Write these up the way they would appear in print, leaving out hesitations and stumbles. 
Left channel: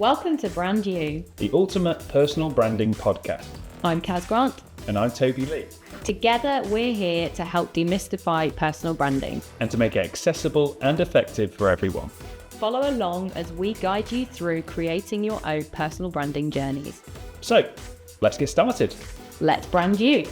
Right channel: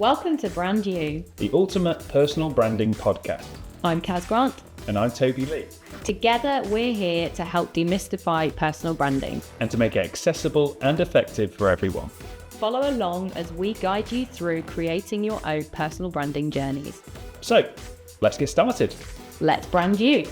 Welcome to Brand You, the ultimate personal branding podcast. I'm Kaz Grant. And I'm Toby Lee. Together, we're here to help demystify personal branding and to make it accessible and effective for everyone. Follow along as we guide you through creating your own personal branding journeys. So, let's get started. Let's brand you.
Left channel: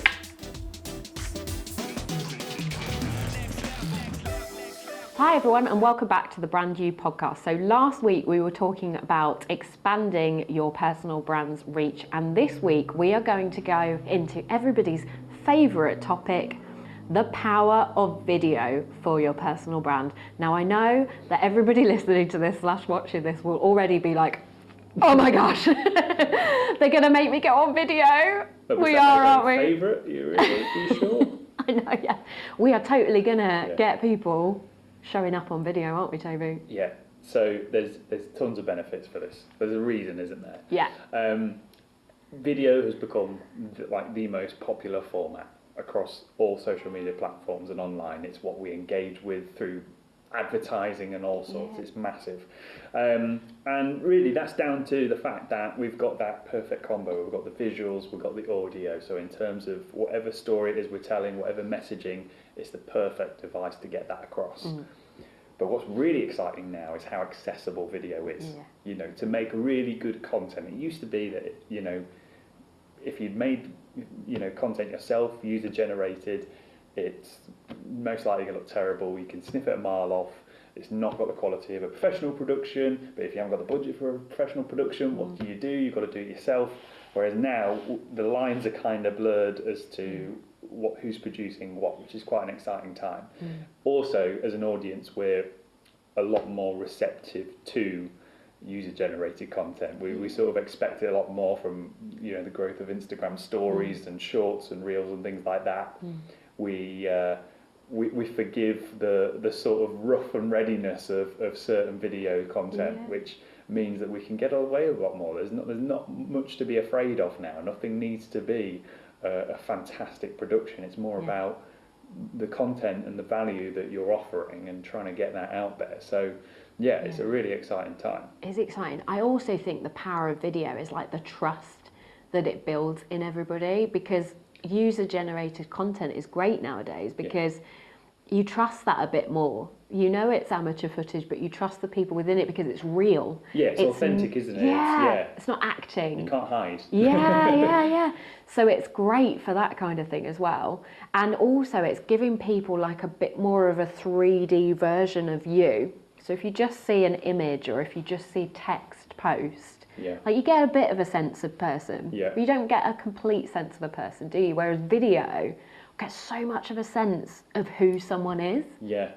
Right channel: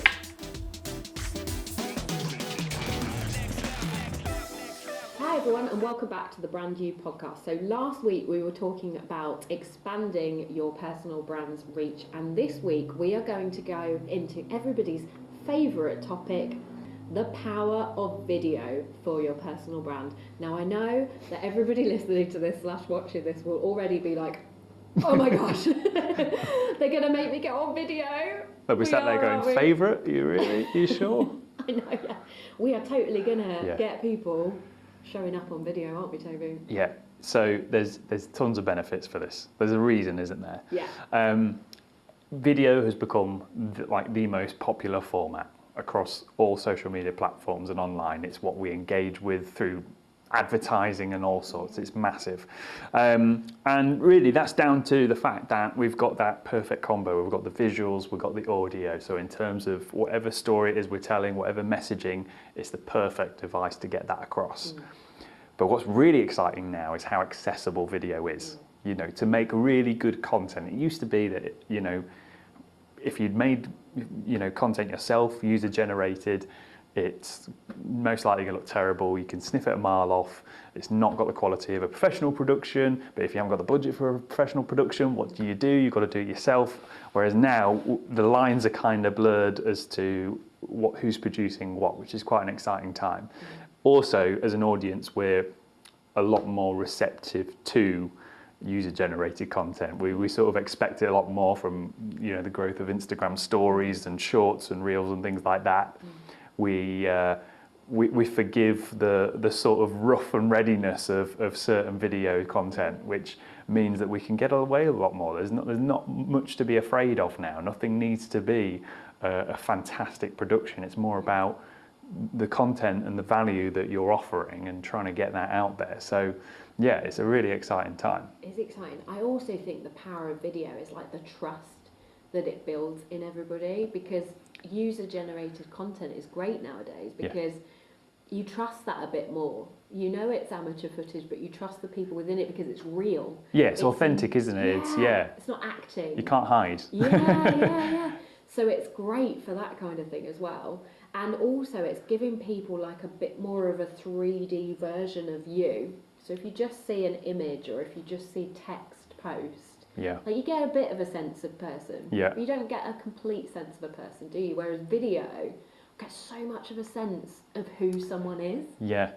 Hi everyone, and welcome back to the Brand You podcast. So last week we were talking about expanding your personal brand's reach, and this week we are going to go into everybody's favourite topic, the power of video for your personal brand. Now I know that everybody listening to this / watching this will already be like, oh my gosh, they're going to make me go on video. But was that their favourite? You sure? I know, yeah. We are totally going to get people showing up on video, aren't we, Toby? Yeah. So there's tons of benefits for this. There's a reason, isn't there? Yeah. Video has become the most popular format across all social media platforms and online. It's what we engage with through advertising and all sorts. It's massive. And really that's down to the fact that we've got that perfect combo. We've got the visuals, we've got the audio. So in terms of whatever story it is we're telling, whatever messaging, it's the perfect device to get that across. But what's really exciting now is how accessible video is. You know, to make really good content. It used to be that, you know, if you'd made, you know, content yourself, user generated, it's most likely going to look terrible. You can sniff it a mile off. It's not got the quality of a professional production, but if you haven't got the budget for a professional production, what do? You've got to do it yourself. Whereas now the lines are kind of blurred as to who's producing what, which is quite an exciting time. Also, as an audience, we're a lot more receptive to user-generated content. We sort of expect it a lot more from, you know, the growth of Instagram stories and shorts and reels and things like that. We forgive the sort of rough and readiness of certain video content, which means that we can get away a lot more. There's not much to be afraid of now. Nothing needs to be a fantastic production. It's more about the content and the value that you're offering and trying to get that out there. So yeah, it's a really exciting time. It's exciting. I also think the power of video is like the trust that it builds in everybody, because user-generated content is great nowadays because you trust that a bit more. You know it's amateur footage, but you trust the people within it because it's real. Yeah, it's authentic, isn't it? It's not acting. You can't hide. Yeah. So it's great for that kind of thing as well. And also it's giving people like a bit more of a 3D version of you. So if you just see an image or if you just see text post, like you get a bit of a sense of person. Yeah. But you don't get a complete sense of a person, do you? Whereas video gets so much of a sense of who someone is. Yeah.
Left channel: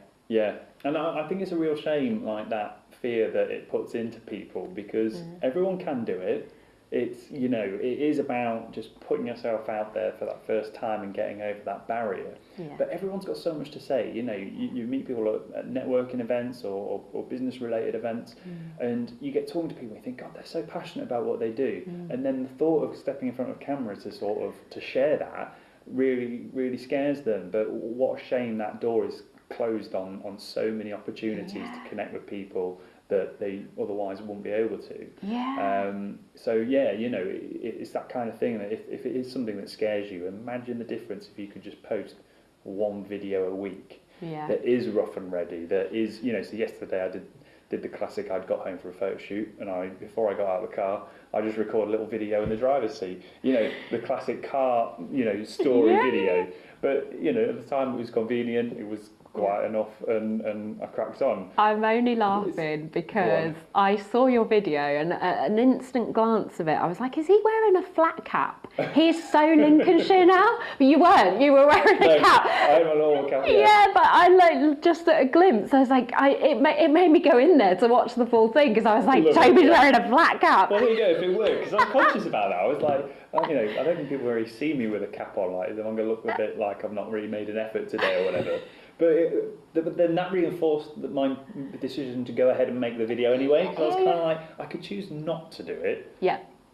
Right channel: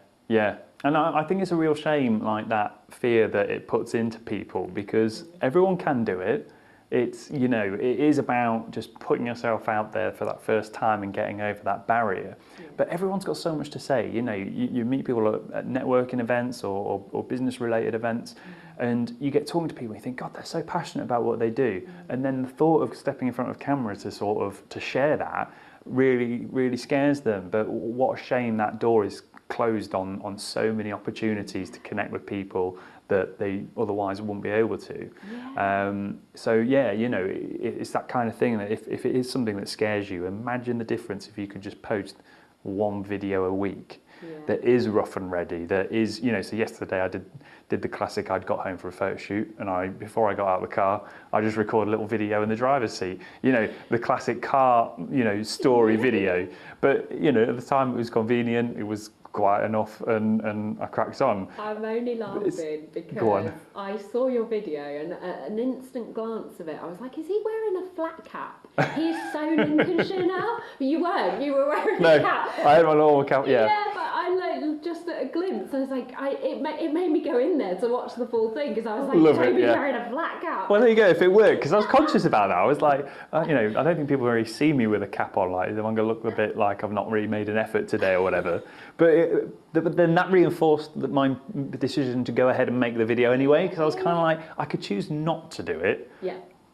And I think it's a real shame, like that fear that it puts into people, because everyone can do it. It's, you know, it is about just putting yourself out there for that first time and getting over that barrier. But everyone's got so much to say. You know, you meet people at networking events or business related events, and you get talking to people and you think, God, they're so passionate about what they do. And then the thought of stepping in front of camera to share that really, really scares them. But what a shame that door is closed on so many opportunities to connect with people that they otherwise wouldn't be able to. So yeah, you know, it's that kind of thing that if it is something that scares you, imagine the difference if you could just post one video a week that is rough and ready, that is, you know. So yesterday I did the classic. I'd got home for a photo shoot, and before I got out of the car, I just recorded a little video in the driver's seat. You know, the classic car, you know, story video. But you know, at the time it was convenient. It was quiet enough, and I cracked on. I'm only laughing because I saw your video, and an instant glance of it, I was like, is he wearing a flat cap? He's so Lincolnshire now. But you weren't. You were wearing a cap. I had my normal cap. Yeah, but I like just at a glimpse. I was like, it made me go in there to watch the full thing because I was like, Toby's wearing a flat cap. Well, there you go. If it worked, because I was conscious about that. I was like, you know, I don't think people really see me with a cap on. Like, I'm going to look a bit like I've not really made an effort today or whatever. But then that reinforced my decision to go ahead and make the video anyway, because I was kind of like, I could choose not to do it,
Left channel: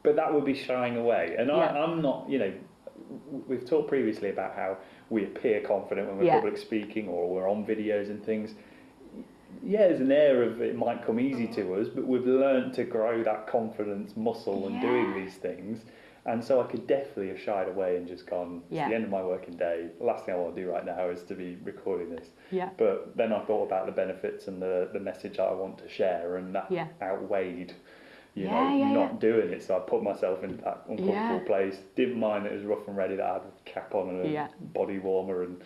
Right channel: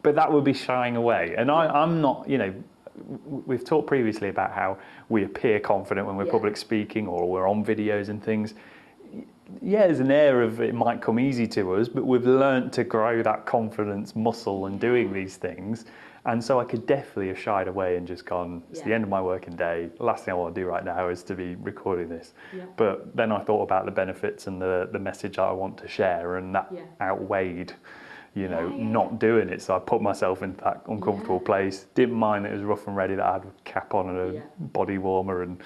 but that would be shying away. And I'm not, you know, we've talked previously about how we appear confident when we're public speaking or we're on videos and things. there's an air of it might come easy to us, but we've learnt to grow that confidence muscle in doing these things. And so I could definitely have shied away and just gone, it's the end of my working day. The last thing I want to do right now is to be recording this. Yeah. But then I thought about the benefits and the message I want to share, and that outweighed, not doing it. So I put myself into that uncomfortable place. Didn't mind it was rough and ready, that I had a cap on and a body warmer, and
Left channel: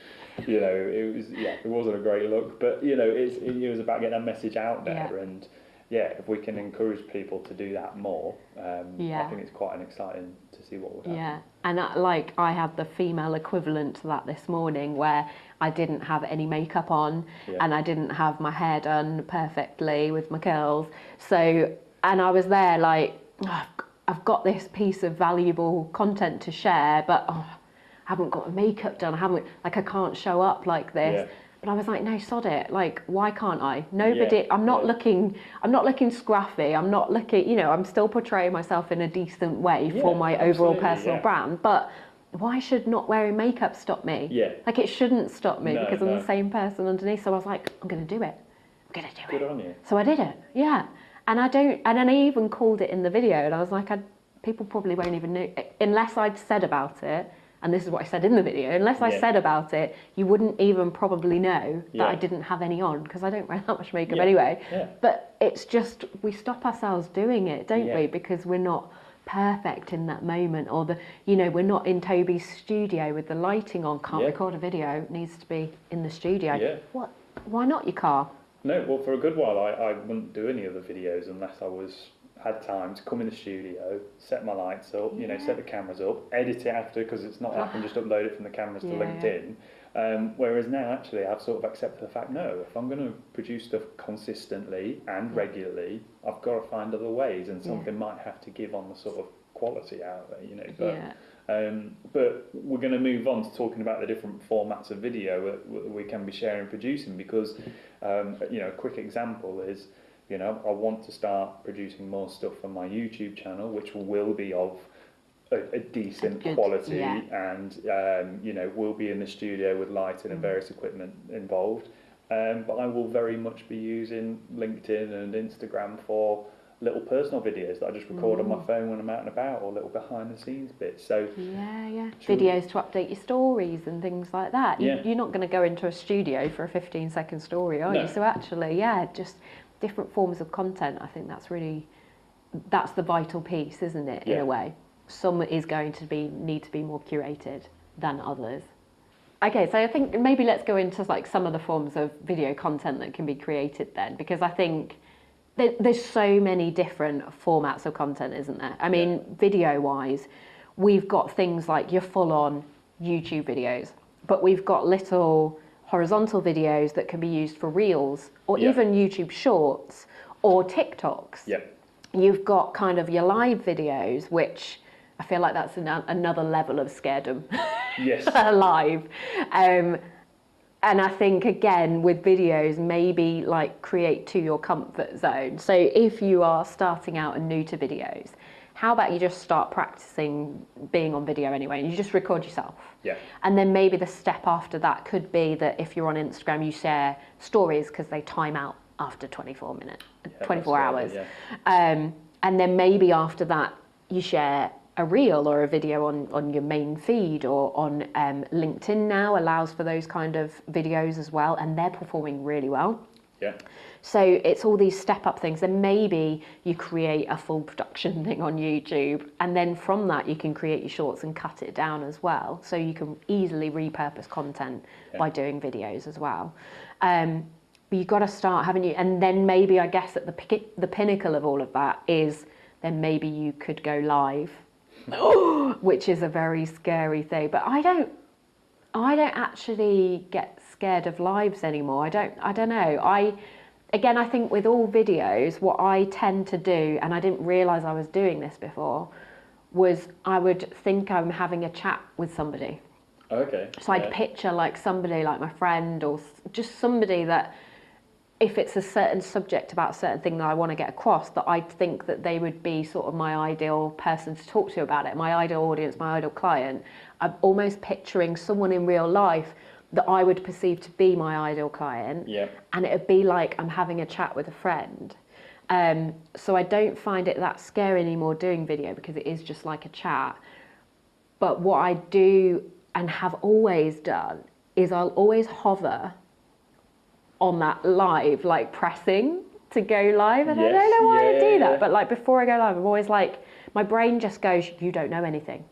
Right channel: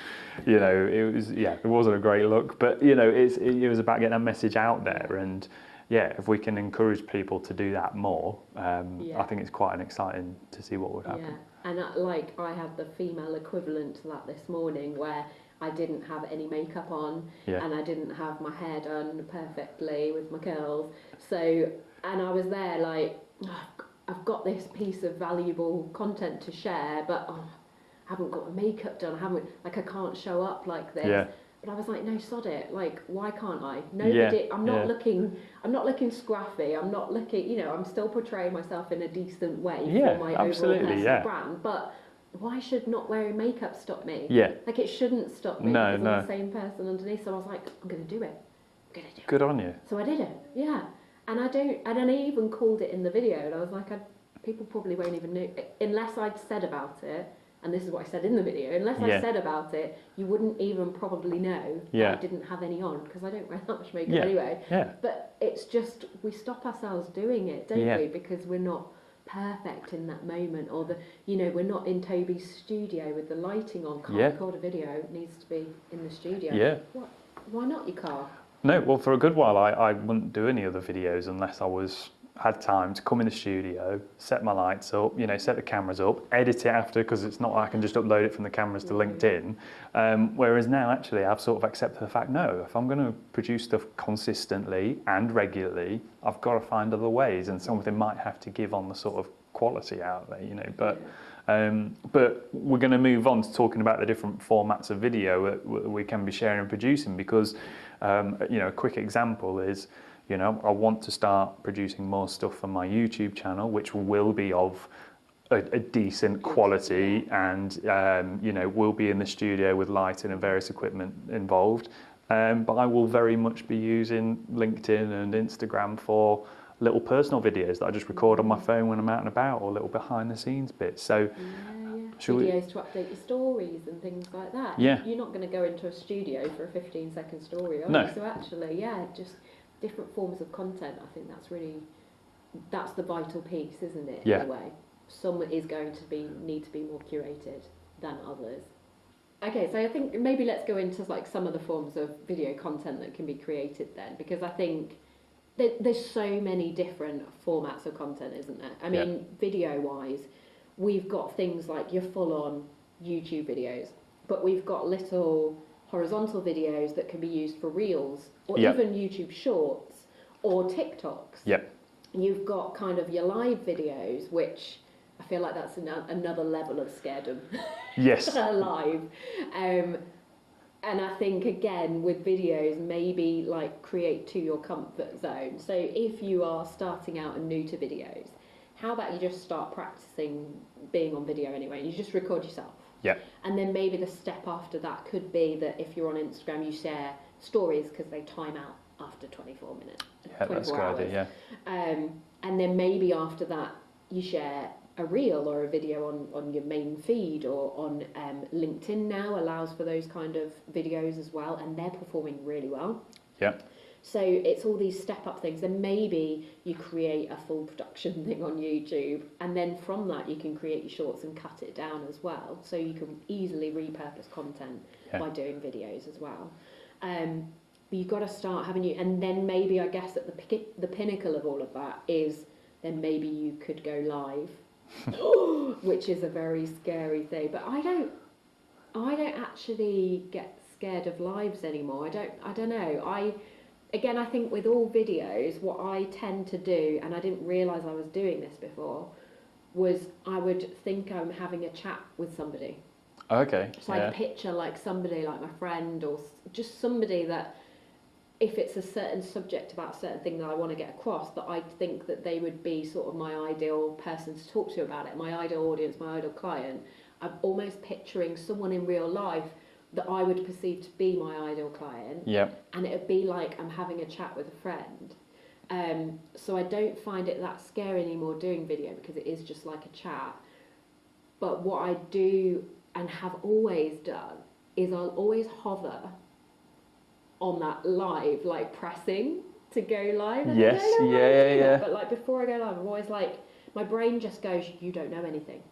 it wasn't a great look. But it was about getting a message out there, and if we can encourage people to do that more, I think it's quite an exciting to see what would happen. Yeah, and I had the female equivalent to that this morning, where I didn't have any makeup on and I didn't have my hair done perfectly with my curls. So, and I was there like, I've got this piece of valuable content to share, but I haven't got makeup done. I can't show up like this. Yeah. But I was like, no, sod it. Like, why can't I? Nobody. I'm not looking scruffy. I'm not looking. I'm still portraying myself in a decent way for my overall personal brand. But why should not wearing makeup stop me? Yeah. Like, it shouldn't stop me because I'm the same person underneath. So I was like, I'm going to do it. I'm going to do it. Good on you. So I did it. Yeah. And then I even called it in the video, and I was like, people probably won't even know unless I'd said about it. And this is what I said in the video. Unless I said about it, you wouldn't even probably know that I didn't have any on, because I don't wear that much makeup anyway. Yeah. But it's just, we stop ourselves doing it, don't we? Because we're not perfect in that moment, or we're not in Toby's studio with the lighting on. Can't record a video. It needs to be in the studio. Yeah. What? Why not your car? No, well, for a good while, I wouldn't do any other videos unless I had time to come in the studio, set my lights up, set the cameras up, edit it after, because it's not like I can just upload it from the cameras to LinkedIn. Whereas now, actually, I've sort of accepted the fact, no, if I'm going to produce stuff consistently and regularly, I've got to find other ways, and something might have to give on the sort of quality out there, but we're going to move on to talking about the different formats of video that we can be sharing and producing, because a quick example is, I want to start producing more stuff on my YouTube channel, which will be of a decent quality, and will be in the studio with lighting and various equipment involved. But I will very much be using LinkedIn and Instagram for little personal videos that I just record on my phone when I'm out and about, or little behind the scenes bits. So videos to update your stories and things like that. You're not going to go into a studio for a 15-second story, are you? So actually, just different forms of content. I think that's the vital piece, isn't it? In a way, some is going to need to be more curated than others. Okay, so I think maybe let's go into some of the forms of video content that can be created then, because I think there's so many different formats of content, isn't there? I mean, video-wise, we've got things like your full-on YouTube videos, but we've got little horizontal videos that can be used for Reels, or even YouTube Shorts, or TikToks. You've got kind of your live videos, which I feel like that's another level of scaredom. Yes. Live. And I think, again, with videos, maybe create to your comfort zone. So if you are starting out and new to videos, how about you just start practicing being on video anyway, and you just record yourself? Yeah. And then maybe the step after that could be that if you're on Instagram, you share stories, because they time out after 24 hours. And then maybe after that, you share a reel or a video on your main feed, or on LinkedIn now allows for those kind of videos as well, and they're performing really well. Yeah. So it's all these step-up things. Then maybe you create a full production thing on YouTube, and then from that you can create your shorts and cut it down as well. So you can easily repurpose content by doing videos as well. But you've got to start, haven't you? And then maybe, I guess, at the pinnacle of all of that is then maybe you could go live, which is a very scary thing. But I don't actually get scared of lives anymore. I don't know. Again, I think with all videos, what I tend to do, and I didn't realise I was doing this before, was I would think I'm having a chat with somebody. Okay. So I'd picture somebody like my friend, or just somebody that, if it's a certain subject about a certain thing that I want to get across, that I think that they would be sort of my ideal person to talk to about it, my ideal audience, my ideal client. I'm almost picturing someone in real life that I would perceive to be my ideal client. Yep. And it'd be like I'm having a chat with a friend. So I don't find it that scary anymore doing video because it is just like a chat. But what I do and have always done is I'll always hover on that live, like pressing to go live. And I don't know why I do that, but like before I go live, I'm always like, my brain just goes, you don't know anything.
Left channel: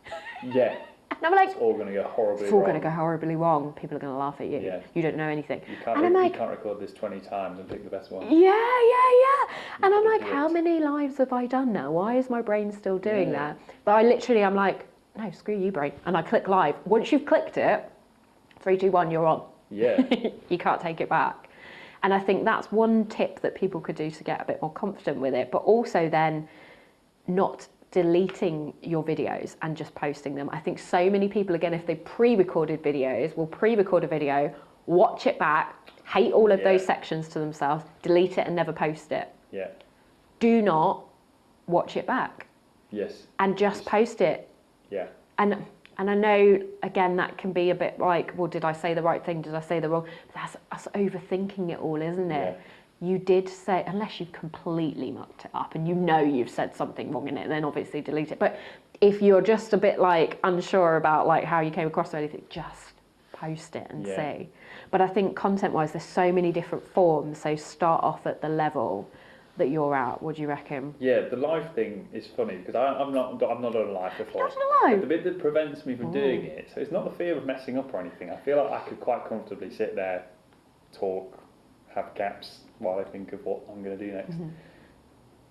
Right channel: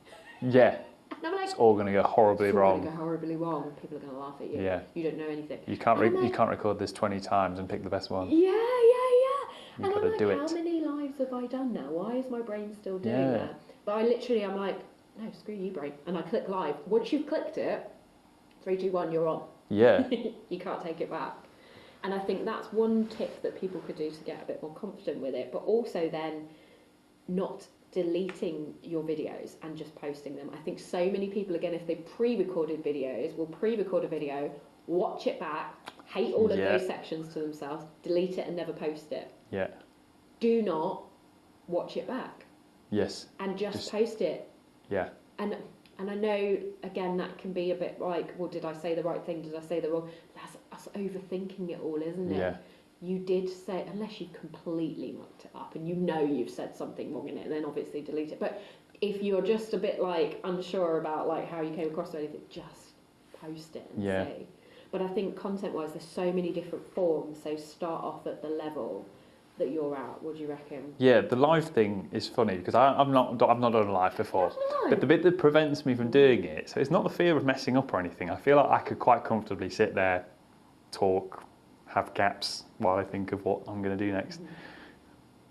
Yeah. And I'm like, it's all going to go horribly it's wrong. all going to go horribly wrong. People are going to laugh at you. Yeah. You don't know anything. You can't record this 20 times and pick the best one. Yeah. And I'm like, how many lives have I done now? Why is my brain still doing that? But I'm like, no, screw you, brain. And I click live. Once you've clicked it, 3, 2, 1, you're on. Yeah. You can't take it back. And I think that's one tip that people could do to get a bit more confident with it. But also then not deleting your videos and just posting them. I think so many people, again, if they pre-recorded videos, will pre-record a video, watch it back, hate all of those sections to themselves, delete it and never post it. Yeah. Do not watch it back. Yes. And just post it. Yeah. And I know, again, that can be a bit like, well, did I say the right thing? Did I say the wrong? That's us overthinking it all, isn't it? Yeah. You did say, unless you've completely mucked it up and you know you've said something wrong in it, then obviously delete it. But if you're just a bit like unsure about like how you came across or anything, just post it and see. But I think content-wise, there's so many different forms. So start off at the level that you're at. What do you reckon? Yeah, the live thing is funny because I've not done a live before. You've not done a live? But the bit that prevents me from doing it, so it's not the fear of messing up or anything. I feel like I could quite comfortably sit there, talk, have gaps while I think of what I'm going to do next.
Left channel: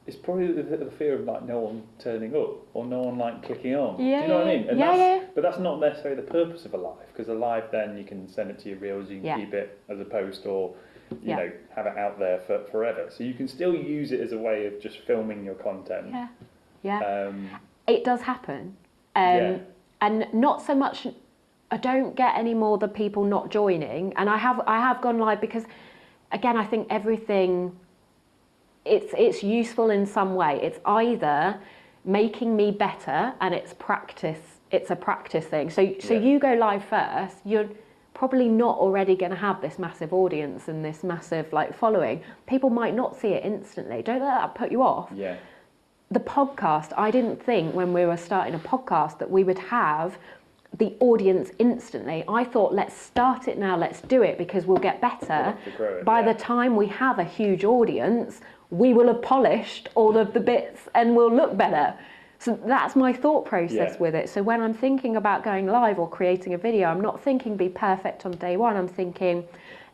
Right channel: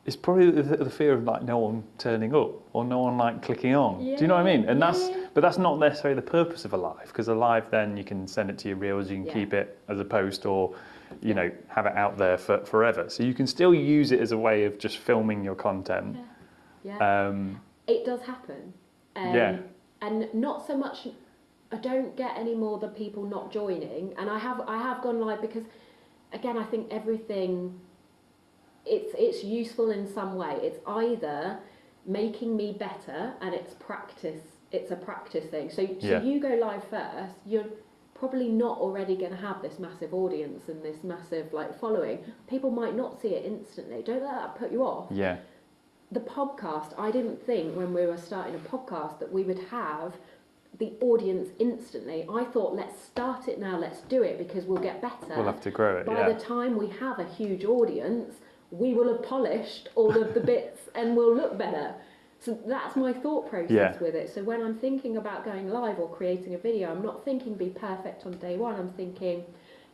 It's probably the fear of like no one turning up or no one like clicking on. Yeah, do you know what I mean? And yeah. but that's not necessarily the purpose of a live, because a live then you can send it to your reels, you can keep it as a post, or you know, have it out there for forever. So you can still use it as a way of just filming your content. It does happen. And not so much, I don't get any more the people not joining. And I have gone live because, again, I think everything, it's useful in some way. It's either making me better and it's a practice thing. So you go live first, you're probably not already going to have this massive audience and this massive like following. People might not see it instantly. Don't let that put you off. Yeah. The podcast, I didn't think when we were starting a podcast that we would have the audience instantly. I thought, let's start it now, let's do it because we'll get better. We'll have to grow it. By the time we have a huge audience, we will have polished all of the bits and we'll look better. So that's my thought process with it. So when I'm thinking about going live or creating a video, I'm not thinking be perfect on day one. I'm thinking,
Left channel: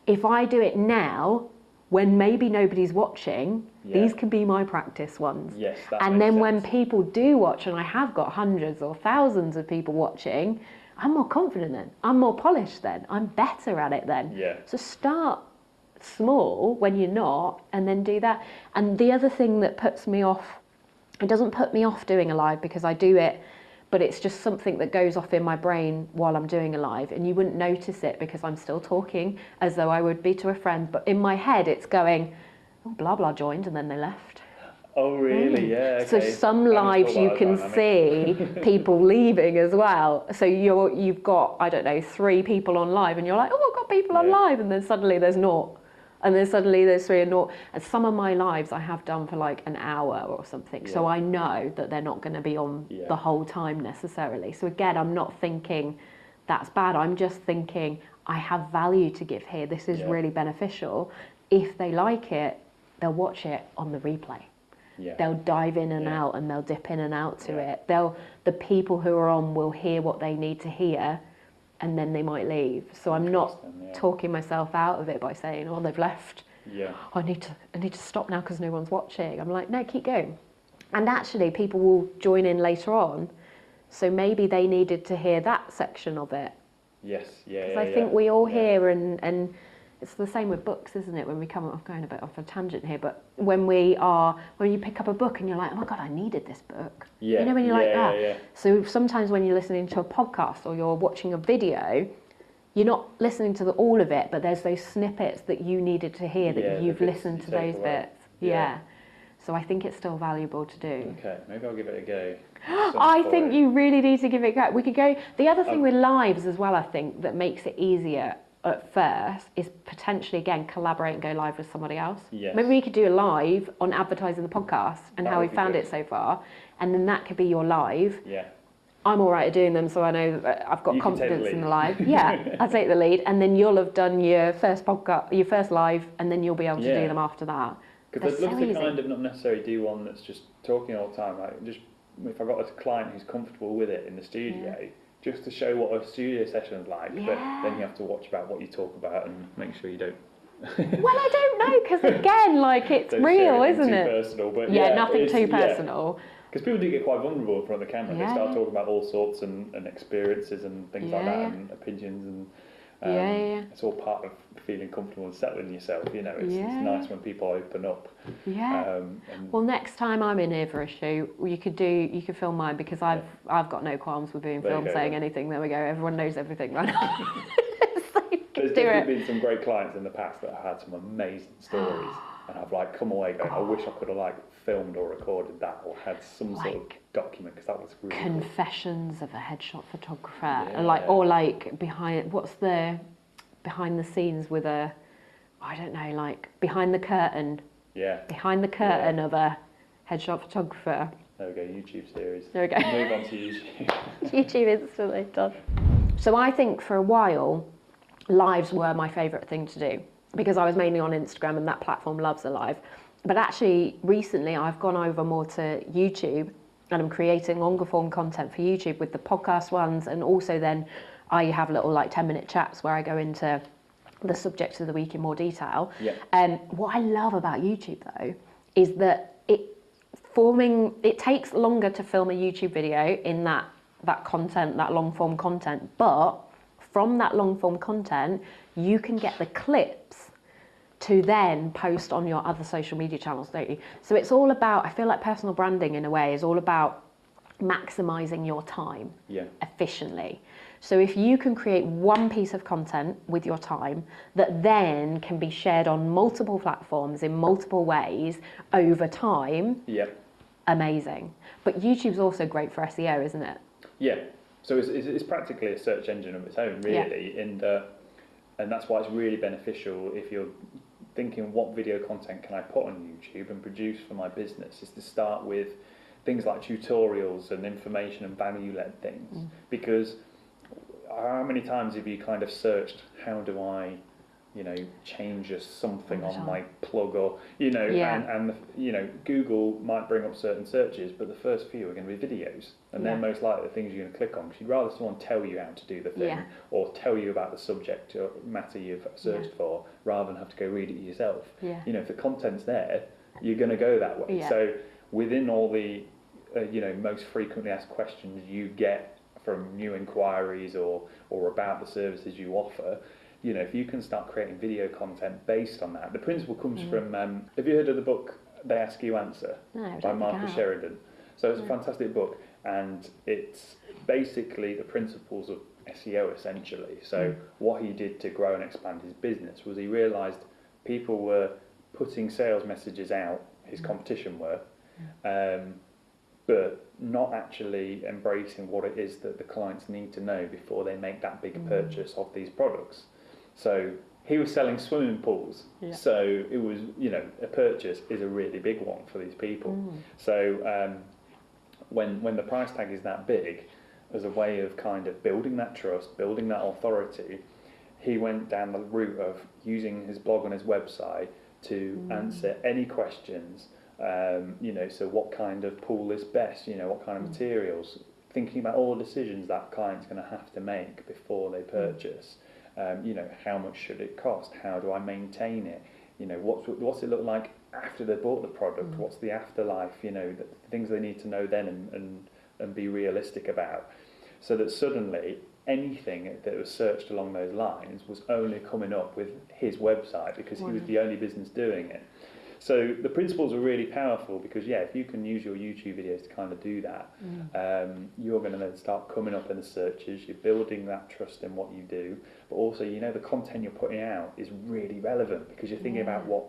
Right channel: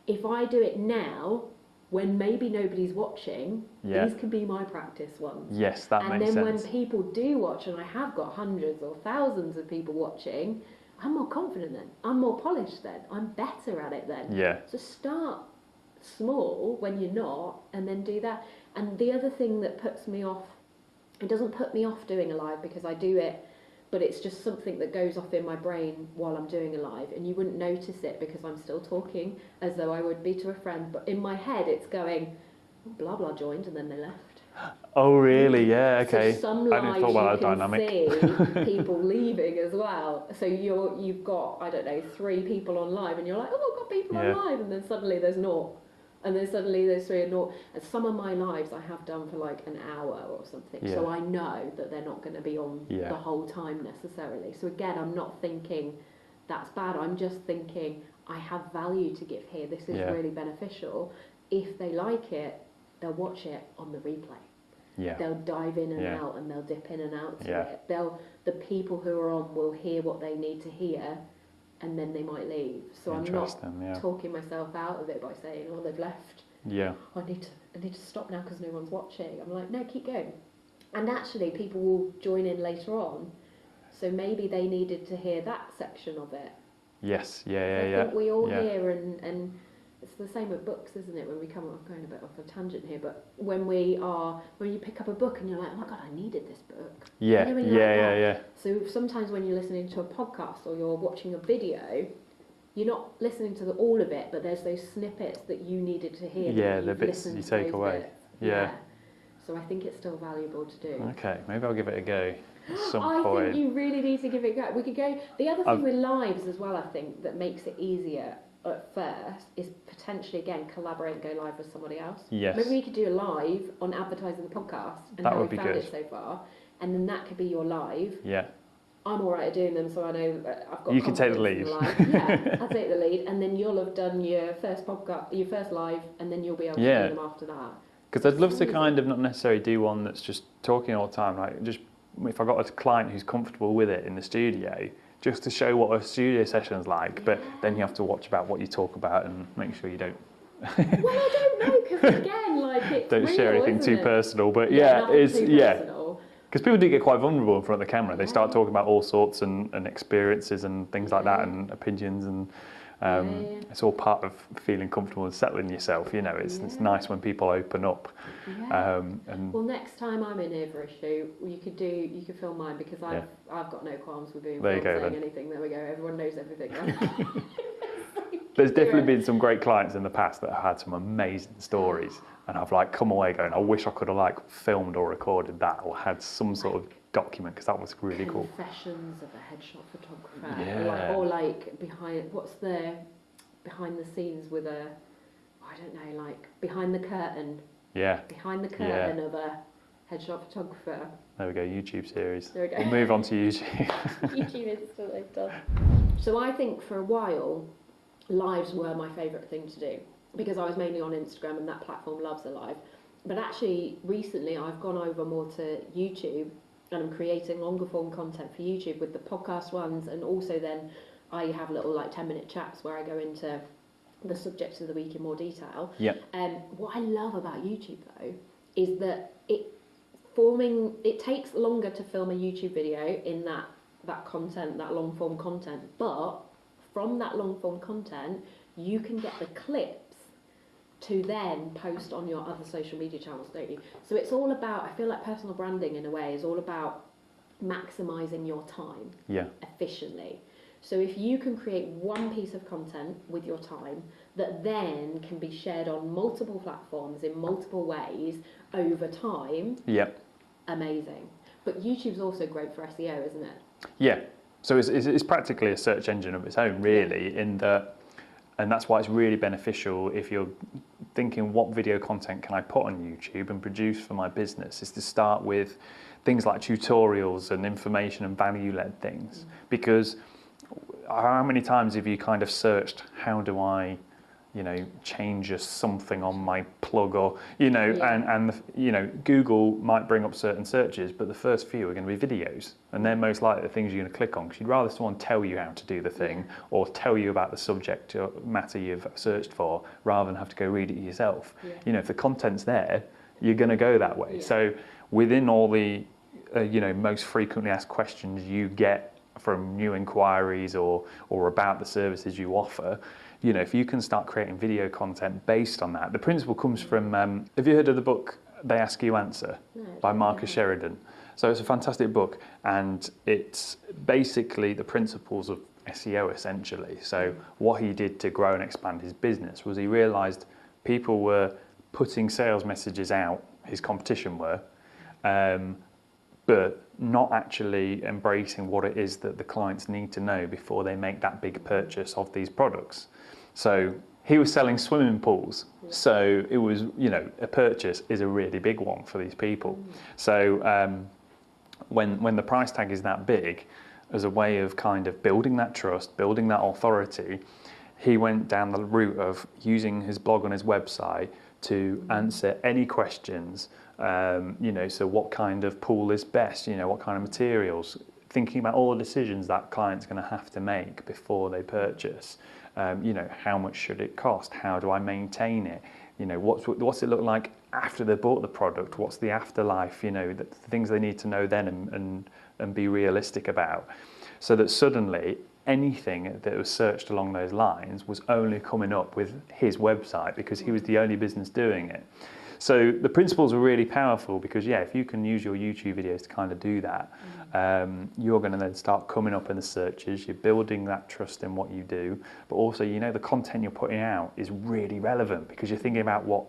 if I do it now, when maybe nobody's watching, these can be my practice ones. Yes, that and makes then sense. when people do watch, and I have got hundreds or thousands of people watching, I'm more confident then. I'm more polished then. I'm better at it then. Yeah. So start small when you're not, and then do that. And the other thing that puts me off, it doesn't put me off doing a live because I do it, but it's just something that goes off in my brain while I'm doing a live, and you wouldn't notice it because I'm still talking as though I would be to a friend, but in my head it's going, oh, blah blah joined and then they left. Oh really? Yeah, okay. So some lives you can see people leaving as well. So you've got, I don't know, 3 people on live and you're like, oh, I've got people on live, and then suddenly there's naught. And then suddenly there's 3 and naught. And some of my lives I have done for like an hour or something. Yeah. So I know that they're not going to be on the whole time necessarily. So again, I'm not thinking that's bad. I'm just thinking I have value to give here. This is really beneficial. If they like it, they'll watch it on the replay. Yeah. They'll dive in and out and they'll dip in and out to it. The people who are on will hear what they need to hear, and then they might leave. So I'm not talking myself out of it by saying, oh, they've left. Yeah. I need to stop now because no one's watching. I'm like, no, keep going. And actually people will join in later on. So maybe they needed to hear that section of it. Yes, I think we all hear, and it's the same with books, isn't it? When we come off, going a bit off a tangent here, but when you pick up a book and you're like, oh my God, I needed this book. Yeah. You know when you're like that? Yeah. So sometimes when you're listening to a podcast or you're watching a video, you're not listening to all of it, but there's those snippets that you needed to hear that you've listened to those bits. Yeah. So I think it's still valuable to do. Okay, maybe I'll give it a go. I think you really need to give it a go. We could go. The other thing with lives as well, I think, that makes it easier at first is potentially, again, collaborate and go live with somebody else. Yes. Maybe we could do a live on advertising the podcast and That how we would be found good. it so far, and then that could be your live. Yeah. I'm all right at doing them, so I know that I've got You can take the confidence in lead. the live. Yeah, I'll take the lead, and then you'll have done your first podcast, your first live, and then you'll be able to Yeah. do them after that. Because I'd love so to easy. kind of not necessarily do one that's just talking all the time. Like, just if I got a client who's comfortable with it in the studio, just to show what a studio session's like. But then you have to watch about what you talk about and make sure you don't. Well, I don't know, because again, like, it's Don't real, share anything isn't too it? personal. But Yeah, nothing it's, too personal. Because people do get quite vulnerable in front of the camera. They Yeah. start talking about all sorts and experiences and things like that, Yeah. and opinions, and Yeah. it's all part of feeling comfortable and settling yourself. You know, it's Yeah. nice when people open up. Yeah. And Well, next time I'm in here for a shoot, you could film mine, because I've got no qualms with being There you filmed go, saying then. anything. There we go. Everyone knows everything right now. There's definitely been some great clients in the past that have had some amazing stories, and I've like come away going, I wish I could have like filmed or recorded that or had some sort of Like document, because that was really cool. Confessions of a headshot photographer, Yeah. or behind the scenes with a, I don't know, like behind the curtain Yeah, of a headshot photographer. there we go, YouTube series. There we go. We'll move on to YouTube. YouTube instantly done. So I think for a while, lives were my favourite thing to do, because I was mainly on Instagram and that platform loves a live. But actually, recently I've gone over more to YouTube, and I'm creating longer form content for YouTube with the podcast ones, and also then I have little like 10-minute chats where I go into the subject of the week in more detail. Yeah. What I love about YouTube though is that it takes longer to film a YouTube video in that content, that long form content, but from that long form content you can get the clips to then post on your other social media channels, don't you? So it's all about, I feel like personal branding in a way is all about maximising your time efficiently. So if you can create one piece of content with your time that then can be shared on multiple platforms in multiple ways over time, amazing. But YouTube's also great for SEO, isn't it? Yeah. So it's practically a search engine of its own, really, in that, and that's why it's really beneficial if you're thinking what video content can I put on YouTube and produce for my business, is to start with things like tutorials and information and value-led things. Because how many times have you kind of searched, how do I, change something on my plug, or, and Google might bring up certain searches, but the first few are going to be videos, and they're most likely the things you're going to click on, because you'd rather someone tell you how to do the thing or tell you about the subject or matter you've searched for, rather than have to go read it yourself. If the content's there, you're going to go that way. So within all the most frequently asked questions you get from new inquiries or about the services you offer, if you can start creating video content based on that. The principle comes from, have you heard of the book They Ask You Answer? No, by Marcus Sheridan? So it's a fantastic book, and it's basically the principles of SEO essentially. So what he did to grow and expand his business was he realised people were putting sales messages out, his competition were, but not actually embracing what it is that the clients need to know before they make that big purchase of these products. So he was selling swimming pools, so it was, a purchase is a really big one for these people. So when the price tag is that big, as a way of kind of building that trust, building that authority, he went down the route of using his blog on his website to answer any questions. So what kind of pool is best? What kind of materials? Thinking about all the decisions that client's going to have to make before they purchase. How much should it cost? How do I maintain it? What's it look like after they bought the product? What's the afterlife? The things they need to know then and be realistic about. So that suddenly anything that was searched along those lines was only coming up with his website, because he was the only business doing it. So the principles are really powerful, because if you can use your YouTube videos to kind of do that, you're going to then start coming up in the searches, you're building that trust in what you do, but also the content you're putting out is really relevant, because you're thinking about what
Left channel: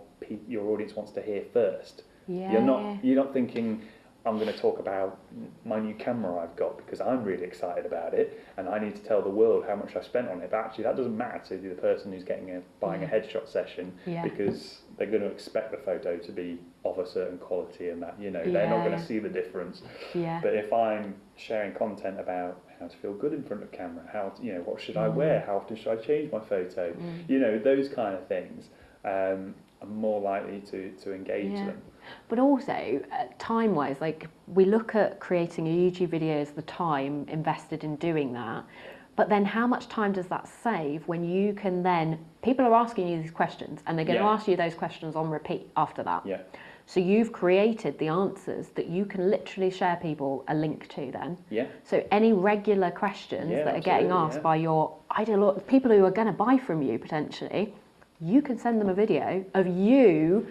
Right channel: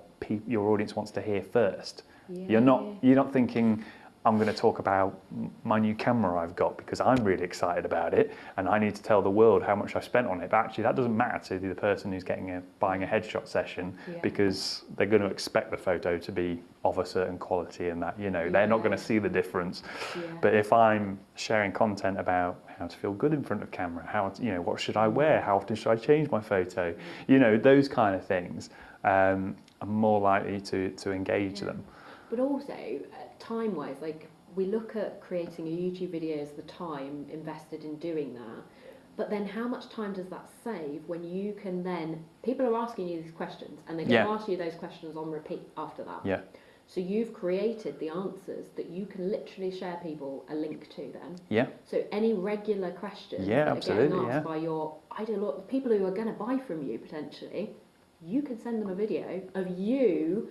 your audience wants to hear first. You're not thinking, I'm going to talk about my new camera I've got because I'm really excited about it and I need to tell the world how much I spent on it. But actually that doesn't matter to the person who's buying a headshot session because they're going to expect the photo to be of a certain quality and that, they're not going to see the difference. Yeah. But if I'm sharing content about how to feel good in front of camera, how to, what should I wear, how often should I change my photo, those kind of things, I'm more likely to engage them. But also, time-wise, like we look at creating a YouTube video as the time invested in doing that, but then how much time does that save when you can then, people are asking you these questions and they're going to ask you those questions on repeat after that. Yeah. So you've created the answers that you can literally share people a link to then. Yeah. So any regular questions that are getting asked by your ideal people who are going to buy from you potentially, you can send them a video of you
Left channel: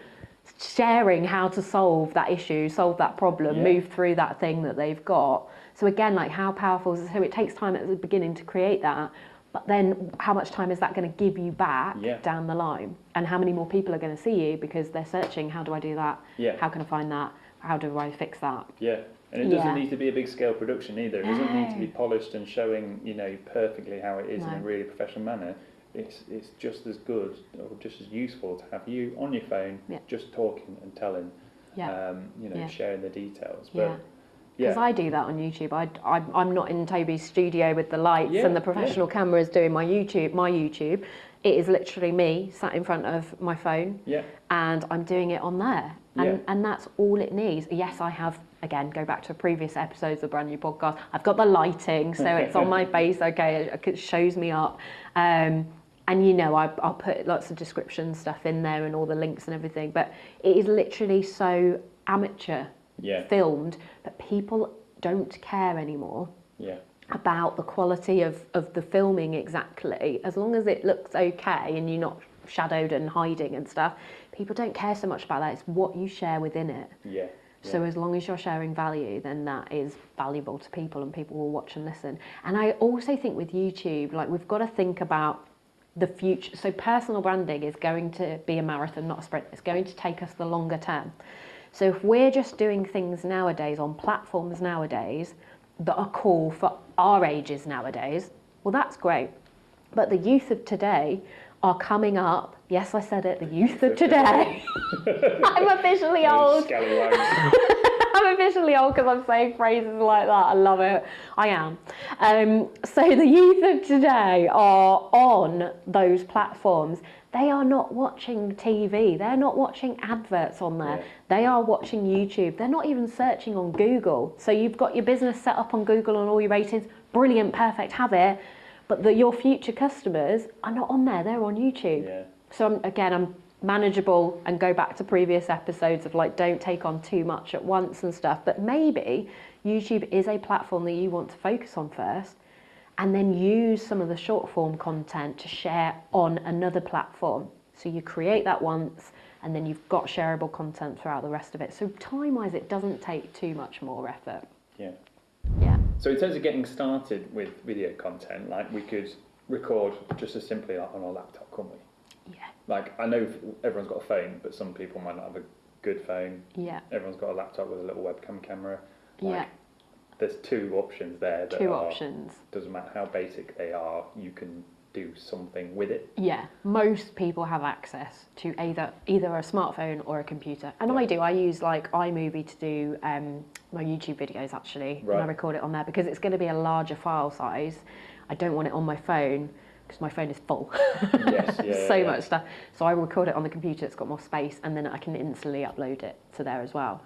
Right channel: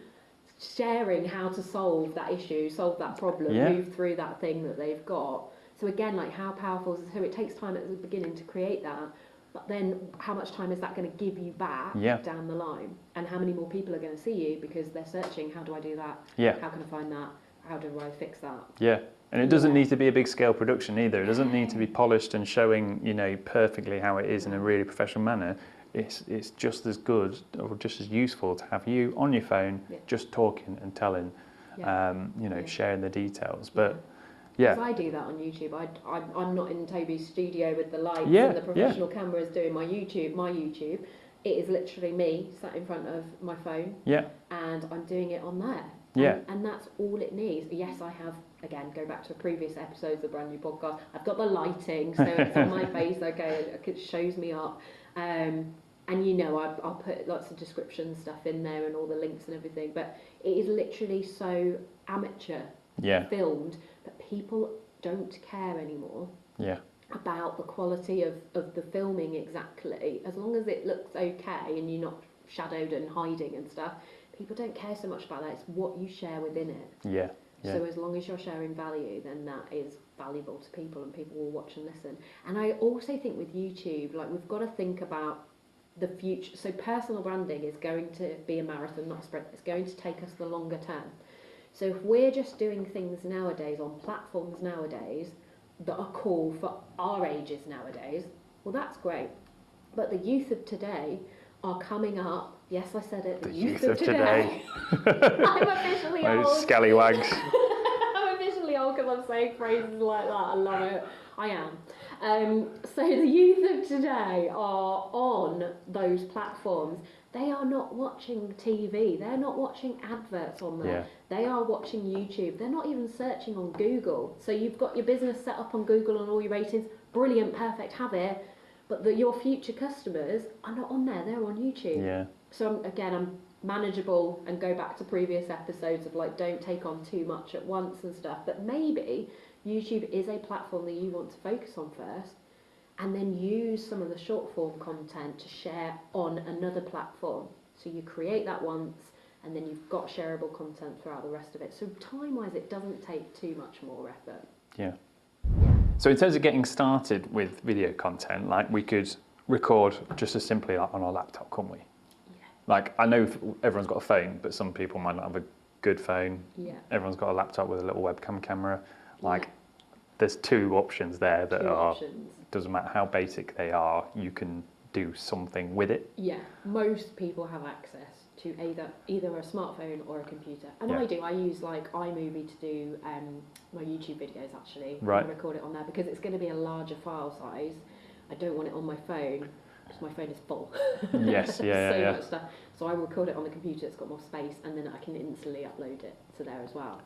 sharing how to solve that issue, solve that problem, move through that thing that they've got. So again, like how powerful is it? So it takes time at the beginning to create that, but then how much time is that going to give you back down the line? And how many more people are going to see you because they're searching, how do I do that? Yeah. How can I find that? How do I fix that? Yeah. And it doesn't need to be a big scale production either. It doesn't need to be polished and showing, perfectly how it is in a really professional manner. It's just as good or just as useful to have you on your phone, just talking and telling, sharing the details. But because I do that on YouTube. I'm not in Toby's studio with the lights and the professional cameras doing my YouTube. It is literally me sat in front of my phone and I'm doing it on there. And that's all it needs. Yes, I have, again, go back to previous episodes of the brand new podcast, I've got the lighting, so it's on my face, it shows me up. And I'll put lots of description stuff in there and all the links and everything, but it is literally so amateur filmed that people don't care anymore about the quality of the filming exactly. As long as it looks okay and you're not shadowed and hiding and stuff, people don't care so much about that. It's what you share within it. Yeah. So as long as you're sharing value, then that is valuable to people and people will watch and listen. And I also think with YouTube, like we've got to think about the future. So personal branding is going to be a marathon, not a sprint. It's going to take us the longer term. So if we're just doing things nowadays on platforms nowadays that are cool for our ages nowadays, well, that's great. But the youth of today are coming up. Yes, I said it. The youth of today. I'm officially old. Scallywags. I'm officially old because I'm saying phrases like that. I love it. I am. So the youth of today are on those platforms. They are not watching TV. They're not watching adverts on there. Yeah. They are watching YouTube. They're not even searching on Google. So you've got your business set up on Google and all your ratings. Brilliant, perfect, have it. But your future customers are not on there. They're on YouTube. Yeah. So I'm manageable and go back to previous episodes of like don't take on too much at once and stuff, but maybe YouTube is a platform that you want to focus on first and then use some of the short form content to share on another platform. So you create that once and then you've got shareable content throughout the rest of it. So time wise it doesn't take too much more effort. Yeah. So in terms of getting started with video content, like we could record just as simply like on our laptop, couldn't we? Like, I know everyone's got a phone, but some people might not have a good phone. Yeah. Everyone's got a laptop with a little webcam camera. Like, there's two options there that doesn't matter how basic they are, you can do something with it. Yeah, most people have access to either a smartphone or a computer. And I use like iMovie to do my YouTube videos actually. Right. And I record it on there because it's going to be a larger file size. I don't want it on my phone, because my phone is full. Yes, much stuff. So I record it on the computer, it's got more space, and then I can instantly upload it to there as well.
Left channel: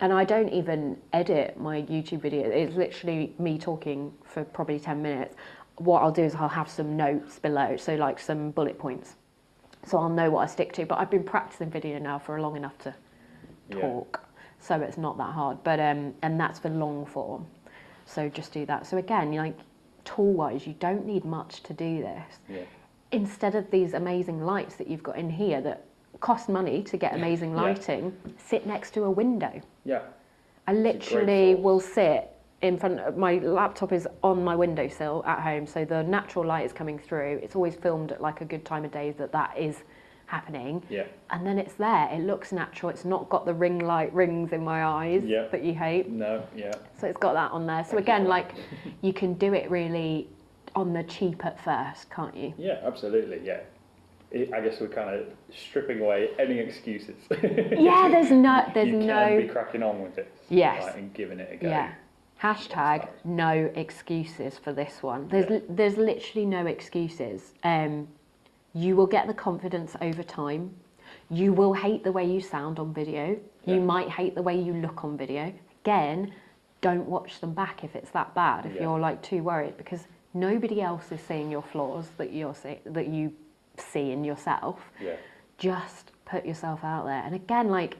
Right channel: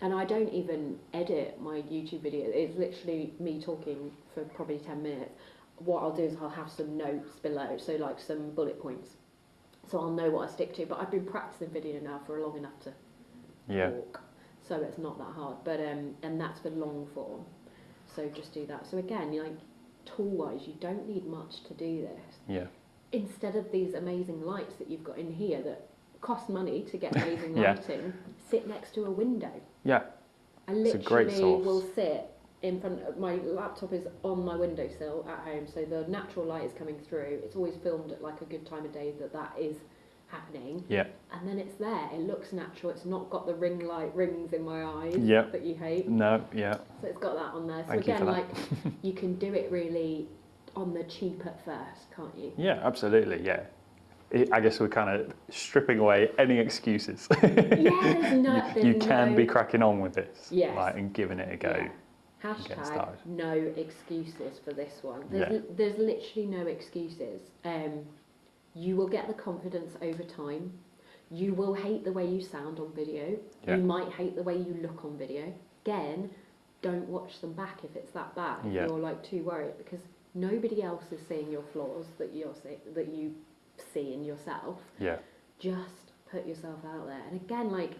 And I don't even edit my YouTube video. It's literally me talking for probably 10 minutes. What I'll do is I'll have some notes below, so like some bullet points. So I'll know what I stick to, but I've been practicing video now for long enough to talk. So it's not that hard, but and that's for long form. So just do that. So again, like, tool-wise, you don't need much to do this. Yeah. Instead of these amazing lights that you've got in here that cost money to get amazing lighting, sit next to a window. Yeah. I literally will sit in front of my laptop is on my windowsill at home, so the natural light is coming through. It's always filmed at like a good time of day that is happening. Yeah. And then it's there. It looks natural. It's not got the ring light rings in my eyes that you hate. No, yeah. So it's got that on there. So Thank you again, for like you can do it really on the cheap at first, can't you? Yeah, absolutely, yeah. I guess we're kind of stripping away any excuses. Yeah, you can be cracking on with it. Yes. Like, and giving it a go. Yeah. Hashtag no excuses for this one. There's literally no excuses. You will get the confidence over time. You will hate the way you sound on video. You might hate the way you look on video. Again, don't watch them back if it's that bad, if you're like too worried, because nobody else is seeing your flaws that you see in yourself. Yeah. Just put yourself out there. And again, like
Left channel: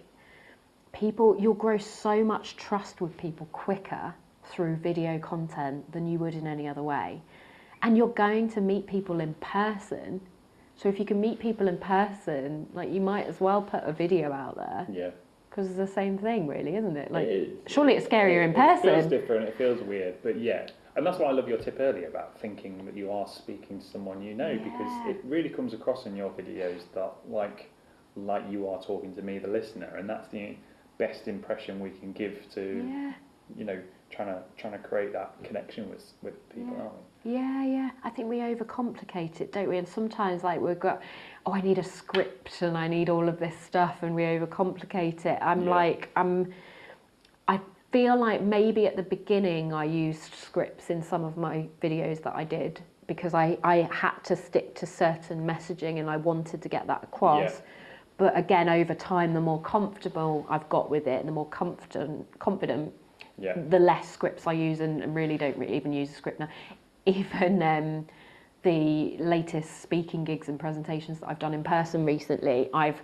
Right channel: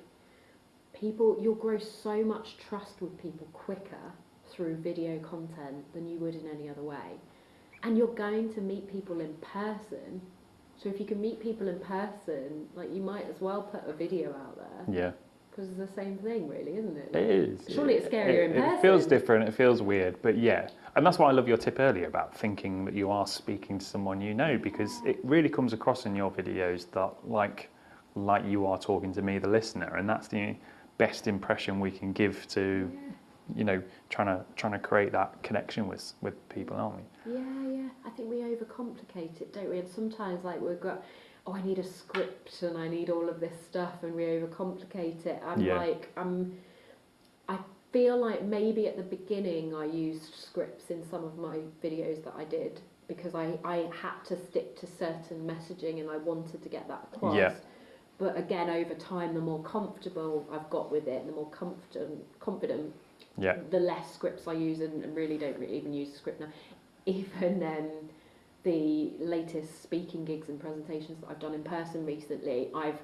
people, you'll grow so much trust with people quicker through video content than you would in any other way. And you're going to meet people in person. So if you can meet people in person, like you might as well put a video out there. Yeah. Because it's the same thing, really, isn't it? Like, it is. Surely it's scarier in person. It feels different. It feels weird, but yeah. And that's why I love your tip earlier about thinking that you are speaking to someone you know, because it really comes across in your videos that like you are talking to me, the listener, and that's the best impression we can give to, you know, trying to create that connection with people, aren't we? Yeah. I think we overcomplicate it, don't we? And sometimes like we've got, I need a script and I need all of this stuff, and we overcomplicate it. I feel like maybe at the beginning I used scripts in some of my videos that I did because I had to stick to certain messaging and I wanted to get that across. Yeah. But again, over time, the more comfortable I've got with it, the more confident, the less scripts I use, and really don't even use a script now. Even the latest speaking gigs and presentations that I've done in person recently, I've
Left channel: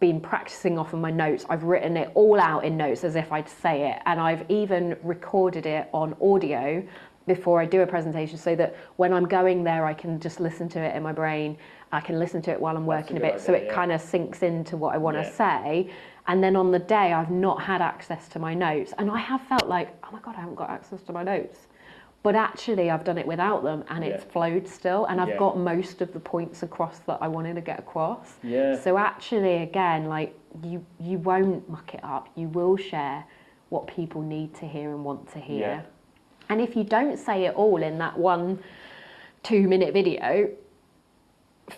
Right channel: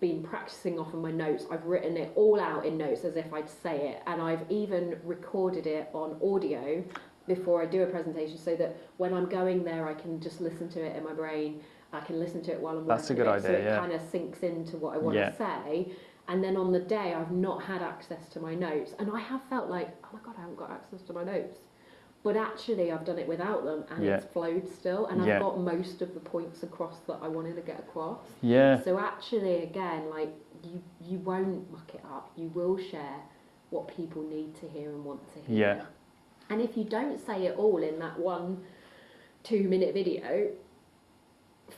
been practicing off of my notes. I've written it all out in notes as if I'd say it, and I've even recorded it on audio before I do a presentation so that when I'm going there I can just listen to it in my brain. I can listen to it while I'm working a bit, idea, so it kind of sinks into what I want to say. And then on the day I've not had access to my notes, and I have felt like, oh my God, I haven't got access to my notes. But actually I've done it without them, and it's flowed still, and I've got most of the points across that I wanted to get across. Yeah. So actually, again, like you won't muck it up. You will share what people need to hear and want to hear. Yeah. And if you don't say it all in that 1-2 minute video,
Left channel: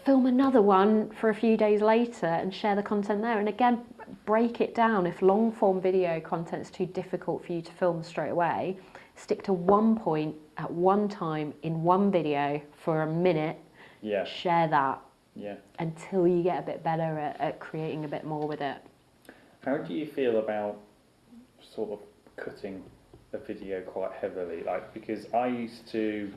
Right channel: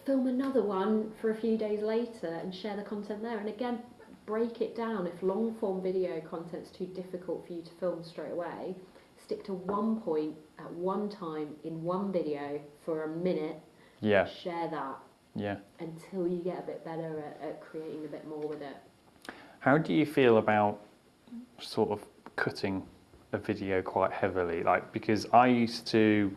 film another one for a few days later and share the content there. And again, break it down. If long form video content is too difficult for you to film straight away, stick to one point at one time in one video for a minute. Yeah. Share that. Yeah. Until you get a bit better at creating a bit more with it. How do you feel about sort of cutting a video quite heavily? Like, because I used to,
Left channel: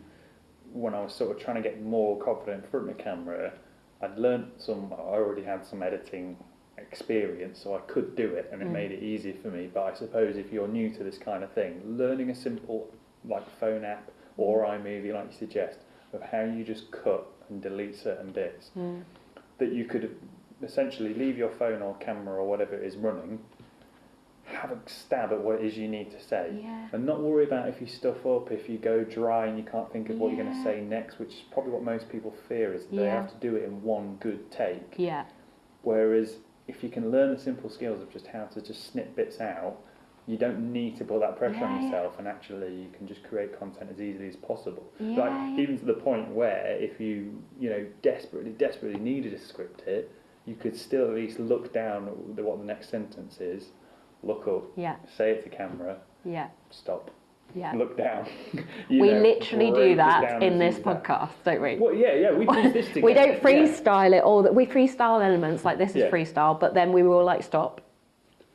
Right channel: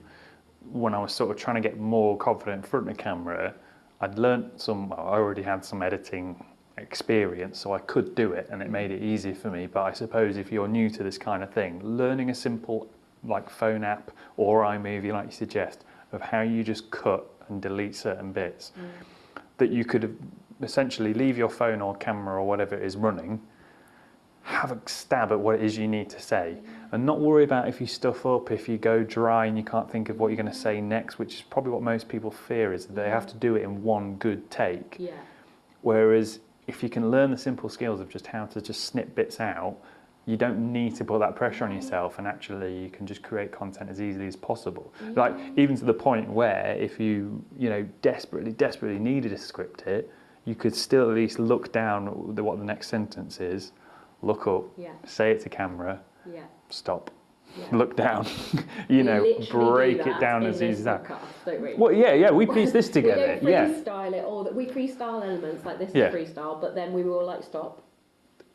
when I was sort of trying to get more confident in front of the camera, I already had some editing experience, so I could do it, and it made it easy for me. But I suppose if you're new to this kind of thing, learning a simple like phone app or iMovie, like you suggest, of how you just cut and delete certain bits, that you could essentially leave your phone or camera or whatever it is running, have a stab at what it is you need to say, and not worry about if you stuff up, if you go dry and you can't think of what you're going to say next, which is probably what most people fear, is that they have to do it in one good take. Yeah. Whereas if you can learn the simple skills of just how to just snip bits out, you don't need to put that pressure on yourself, and actually you can just create content as easily as possible. Like even to the point where if you desperately needed to script it, you could still at least look down at what the next sentence is, look up, say it to camera, stop, look down. We literally do that in this podcast, don't we? Well, yeah, we piece this together. We don't freestyle it, we freestyle elements, like this is freestyle, but then we will like stop,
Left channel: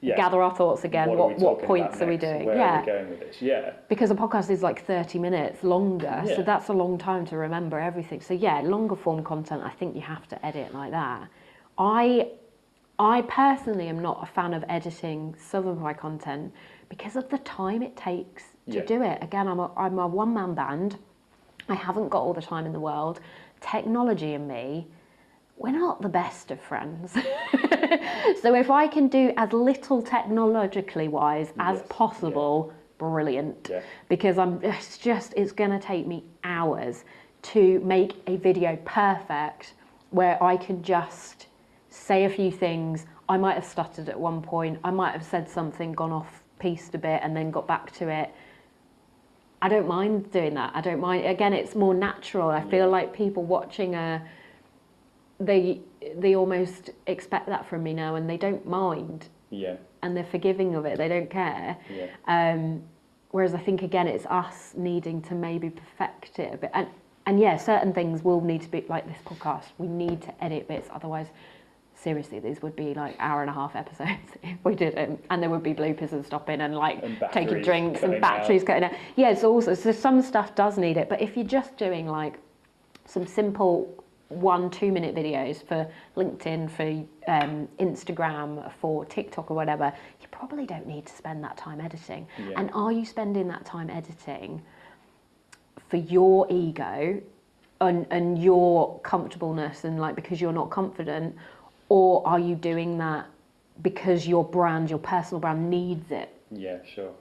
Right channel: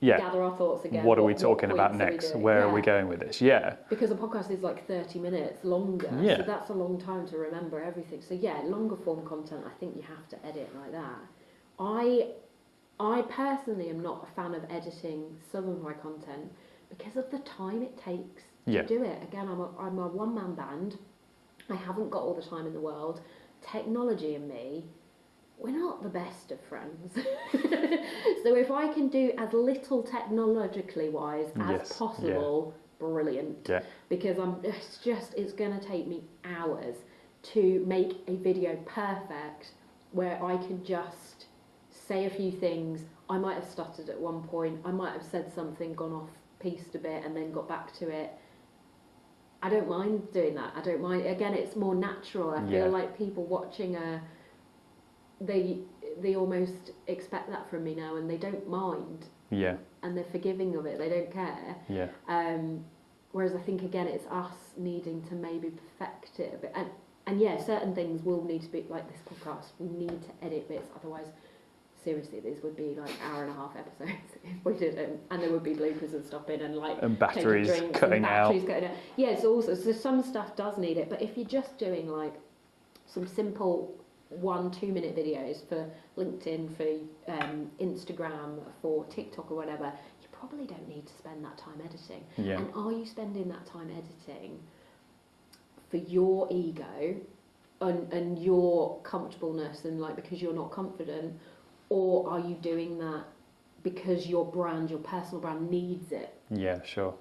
gather our thoughts again. What are we talking about next? Where are we going with this? Yeah. Because a podcast is like 30 minutes longer, so that's a long time to remember everything. So longer form content, I think you have to edit like that. I personally am not a fan of editing some of my content because of the time it takes to do it. Again, I'm a one-man band. I haven't got all the time in the world. Technology and me, we're not the best of friends. So if I can do as little technologically wise as possible, brilliant. Yeah. Because it's going to take me hours to make a video perfect where I can just say a few things. I might have stuttered at one point. I might have said something, gone off piste a bit and then got back to it. I don't mind doing that. I don't mind. Again, it's more natural. I feel like people watching they almost expect that from me now, and they don't mind. Yeah. And they're forgiving of it. They don't care. Yeah. Whereas I think, again, it's us needing to maybe perfect it a bit. And yeah, certain things will need to be, like this podcast, we need to edit bits. Otherwise, seriously, these would be like 1.5-hour episodes if we didn't. And there would be bloopers and stopping and like taking drinks and batteries cutting out. Yeah, so some stuff does need it. But if you're just doing like some simple 1-2 minute videos for LinkedIn, for Instagram, for TikTok or whatever, you probably don't need to spend that time editing. Yeah. And are you spending that time editing for your ego and your comfortableness and like because you're not confident, or are you doing that because your brand, your personal brand needs it? Yeah, sure.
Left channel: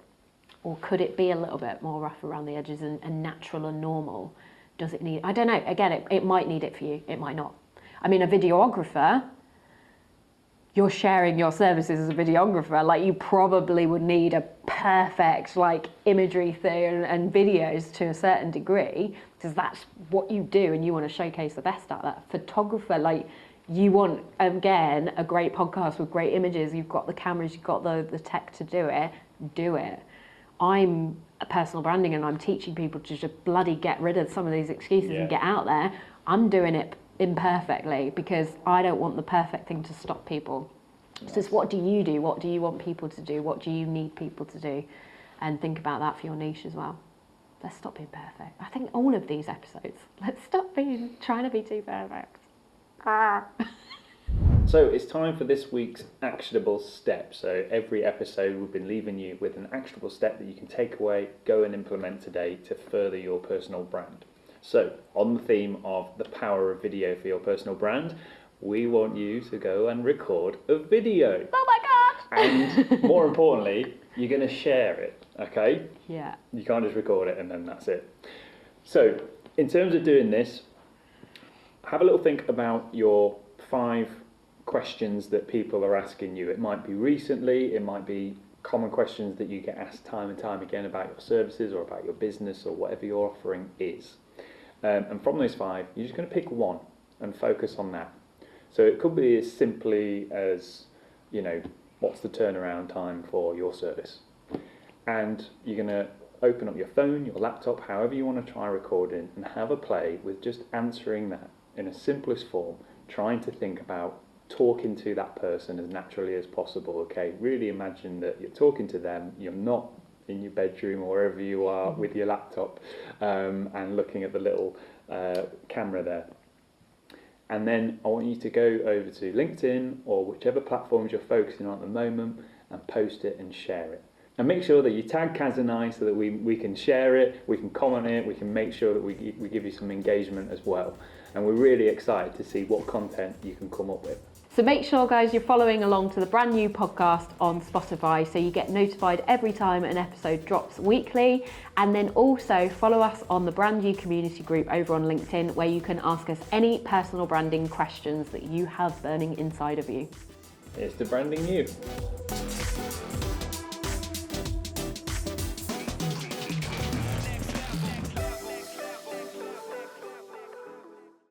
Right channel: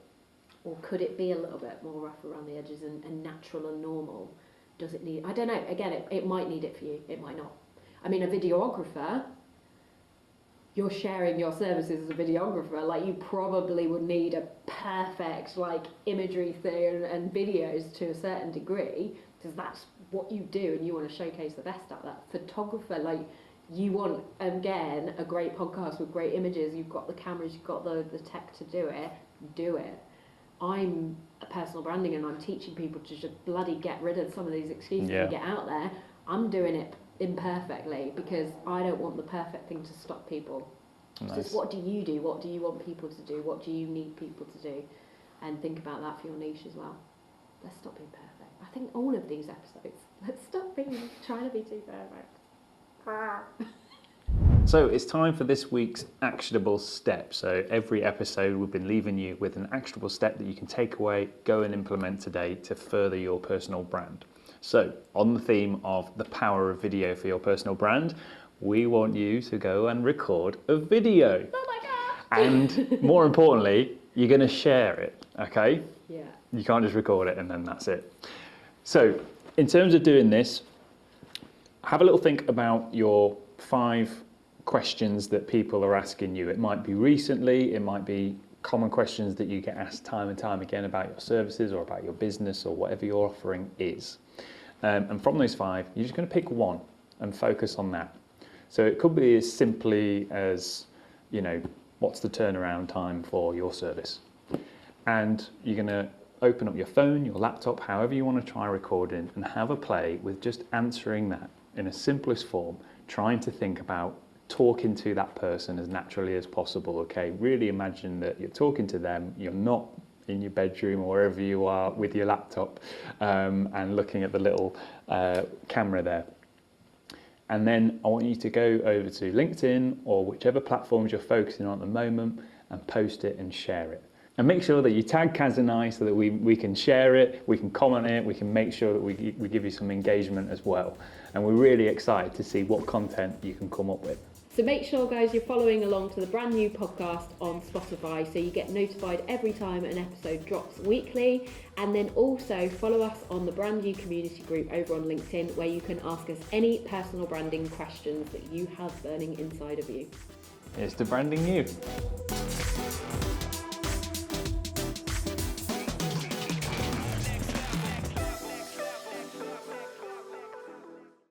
Or could it be a little bit more rough around the edges and natural and normal? Does it need, I don't know, again, it might need it for you, it might not. I mean, a videographer, you're sharing your services as a videographer, like you probably would need a perfect like imagery thing and videos to a certain degree, because that's what you do and you want to showcase the best out of that. Photographer, like you want, again, a great podcast with great images, you've got the cameras, you've got the tech to do it. I'm a personal branding and I'm teaching people to just bloody get rid of some of these excuses and get out there. I'm doing it imperfectly because I don't want the perfect thing to stop people. Nice. So it's what do you do? What do you want people to do? What do you need people to do? And think about that for your niche as well. Let's stop being perfect. I think all of these episodes, let's stop trying to be too perfect. So it's time for this week's actionable step. So every episode we've been leaving you with an actionable step that you can take away, go and implement today to further your personal brand. So on the theme of the power of video for your personal brand, we want you to go and record a video. Oh my God! And more importantly, you're going to share it, okay? Yeah. You can't just record it and then that's it. So in terms of doing this, have a little think about your 5 questions that people are asking you. It might be recently, it might be common questions that you get asked time and time again about your services or about your business or whatever your offering is. And from those 5, you're just going to pick one and focus on that. So it could be as simply as, you know, what's the turnaround time for your service? And you're going to open up your phone, your laptop, however you want to try recording, and have a play with just answering that in a simplest form, trying to think about talking to that person as naturally as possible, okay? Really imagine that you're talking to them, you're not in your bedroom or wherever you are with your laptop and looking at the little camera there. And then I want you to go over to LinkedIn or whichever platforms you're focusing on at the moment and post it and share it. And make sure that you tag Kaz and I so that we can share it, we can comment it, we can make sure that we give you some engagement as well. And we're really excited to see what content you can come up with. So make sure, guys, you're following along to the brand new podcast on Spotify so you get notified every time an episode drops weekly. And then also follow us on the Brand New community group over on LinkedIn, where you can ask us any personal branding questions that you have burning inside of you. Here's to branding you.